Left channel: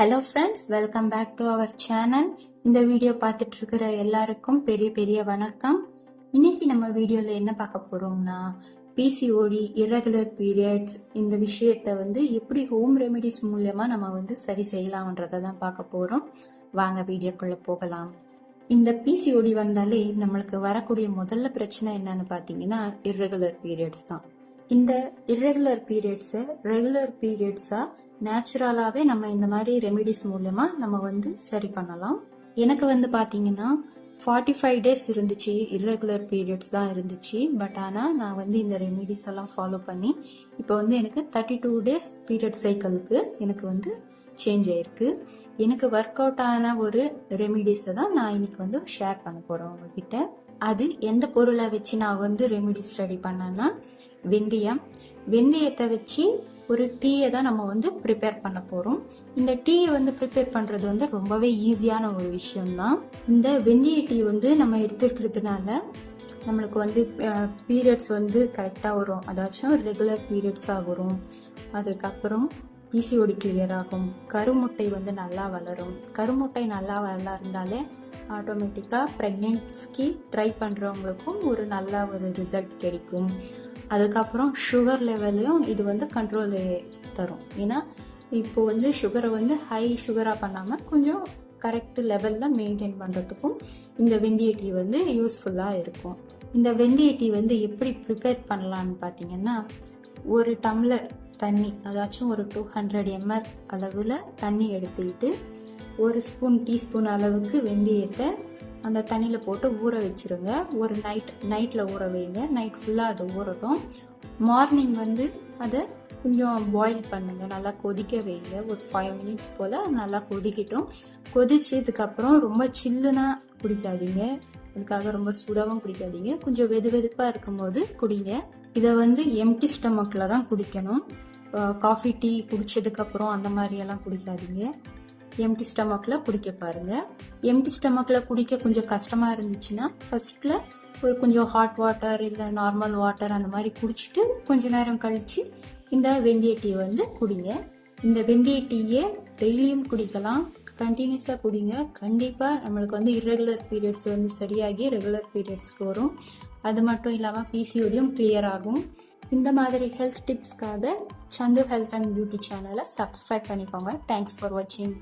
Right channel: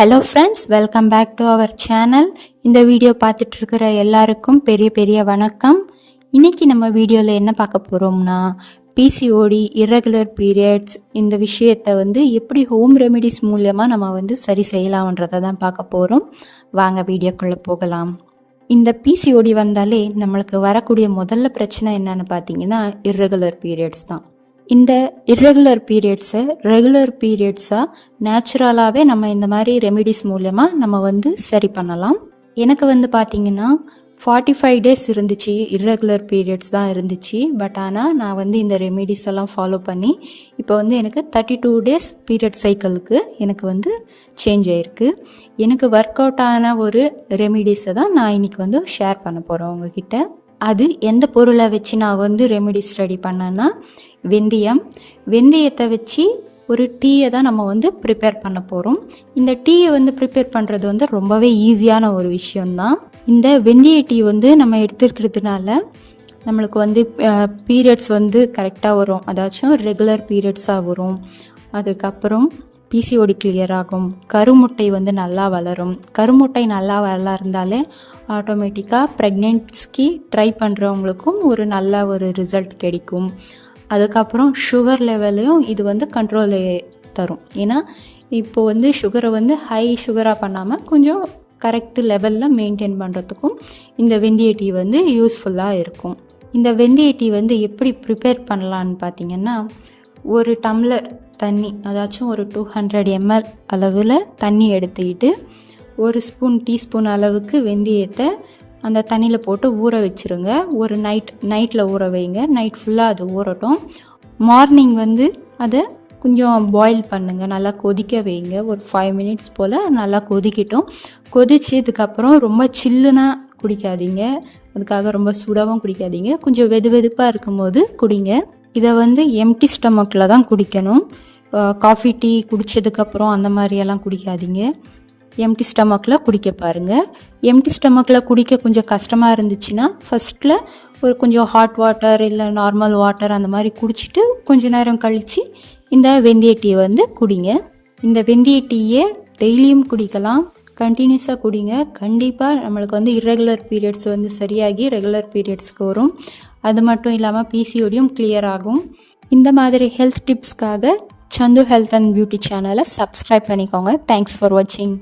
Hello friends, welcome back to our channel. இந்த video பார்த்துட்டு இருக்கிற எல்லாருக்கும் பெரிய பெரிய வணக்கம். இன்னைக்கு நம்ம வீடியோவில் என்ன பார்க்க போகிறோம்னா, பிசிஓடி இர்ரெகுலர் பீரியட்ஸ் இந்த விஷயத்தை எப்படி ஹோம் ரெமெடிஸ் மூலமாக நம்ம சரி செய்யலாம்ன்றதை தான் பார்க்க போகிறோம். வாங்க வீடியோக்குள்ளே போகலாம். இந்த பிசிஓடி வந்தாலே நம்மளுக்கு வரக்கூடிய முதல்ல பிரச்சனை என்னன்னு பார்த்தீங்கன்னா இர்ரெகுலர் பீரியட்ஸ் தான். இந்த இர்ரெகுலர் பீரியட்ஸை ரெகுலர் பீரியட்ஸாக நேச்சுரலாகவே நம்ம இந்த மாதிரி ரெமிடிஸ் மூலமாக நம்ம சரி பண்ணலாம். எனக்கு பார்த்தீங்கன்னா 45 டேஸ் இருந்துச்சு, இர்ரெகுலர் பீரியட்ஸ் தான் இருந்துச்சு. பட் ஆனால் நான் இந்த ரெமிடிஸ் எல்லாம் ஃபாலோ பண்ணி இப்போ எனக்கு 32 டேஸ் பீரியட் சைக்கிளுக்கு எனக்கு சேஞ்ச் ஆகிருக்கு. எனக்கு ஒர்க் அவுட் ஆன ஒரு ரெமிடிஸை தான் நான் இன்றைக்கி ஷேர் பண்ண போகிறேன் உங்ககிட்ட. அது எந்த பொருளை வச்சு நான் ரெமிடிஸ் ரெடி பண்ணேன்னா வெந்தயத்தை வச்சு ஒரு டீயை தான் நம்ம ப்ரிப்பேர் பண்ண போகிறோம். இந்த டீயை ப்ரிப்பேர் பண்ணுறது ரொம்பவே ஈஸியான ஒரு விஷயம்தான். இந்த வெந்தய டீ நம்ம எடுத்துருக்கிறதுனால நம்மளுக்கு பீரியட்ஸ் கரெக்டாக வரும், அதாச்சும் ரெகுலர் பீரியட்ஸாக வரும். அதுக்கப்புறம் பிசிஓடி கிளியர் ஆகும். கருமுட்டை நல்லா வளரும். கருமுட்டை நல்லா வளர்ந்தாலே ஆட்டோமேட்டிக்காக ப்ரெக்னென்சிக்கு ட்ரை பண்ணுறவங்களுக்கும் ஒரு நல்ல ஒரு ரிசல்ட் கிடைக்கும். அதுக்கப்புறம் சுகர் லெவலையும் இது கண்ட்ரோல் தரும். ஏன்னா இப்போது சுகரை ஹை சுகராக பண்ணாமல் கொஞ்சம் கரெக்ட் லெவலில் மெயின்டைன் பண்ணுறதுக்கும் இந்த வெந்தய டீ யூஸ்ஃபுல்லாக இருக்கும். இந்த வெந்தய டீ எப்படி ப்ரிப்பேர் பண்ணலான்னு பார்த்தீங்கன்னா, ஒரு டம்ளர் தண்ணி, அதாச்சும் ஒரு 200 ml அளவில் தண்ணி எடுத்துக்கிட்டு ஒரு டீஸ்பூன் அளவுக்கு வெந்தயத்தை அந்த தண்ணியில் போட்டு ஊற வச்சுருங்க. ஒரு நைட்டில் ஊற வைங்க. நைட் ஃபுல்லாக அது ஊறட்டும். மார்னிங் அதை கொஞ்சம் பாயில் பண்ணுங்கள், நல்லா கொதிக்க வைங்க. ஒரு 5 minutes போல் நல்லா கொதிக்கட்டும். கொதிச்சதுக்கப்புறம் ரொம்ப சில்லுனா குடிக்காதீங்க, அதுக்காக ரொம்ப சுடாவும் குடிக்காதீங்க. கொஞ்சம் வெதுப்பாக இருக்கும்போது குடிங்க. இதை எம்டி ஸ்டமக்கில் தான் குடிக்கணும். காஃபி டீ குடித்ததுக்கப்புறம் அந்த மாதிரியெல்லாம் குடிக்காதீங்க. எம்டி ஸ்டமக்கில் குடிக்க பாருங்கள். எம்டி ஸ்டமக்கில் குடிக்க கொஞ்சம் கஷ்டமாக இருந்துச்சுன்னா ஃபஸ்ட்டில் ஒரு கொஞ்சம் ஹாட் வாட்டர் இல்லை நார்மல் வாட்டர் அந்த மாதிரி குடிச்சிட்டு கொஞ்சம் நேரம் கழித்து இந்த வெந்தய டீயை குடிங்க. இந்த வெந்தய டீயை டெய்லியும் குடிக்கலாம், கண்டினியூஸாக குடிங்க. கண்டிப்பாக நம்மளுக்கு இர்ரெகுலர் பீரியட்ஸ் சரியாகி ரெகுலர் பீரியட்ஸ்க்கு வரும். அது மட்டும் இல்லாமல் பிசிஓடியும் கிளியர் ஆகும். இந்த மாதிரி health டிப்ஸ்க்காக Sandhu health and beauty சேனலை சப்ஸ்கிரைப் பண்ணிக்கோங்க. தேங்க்ஸ் ஃபார் வாட்சிங்.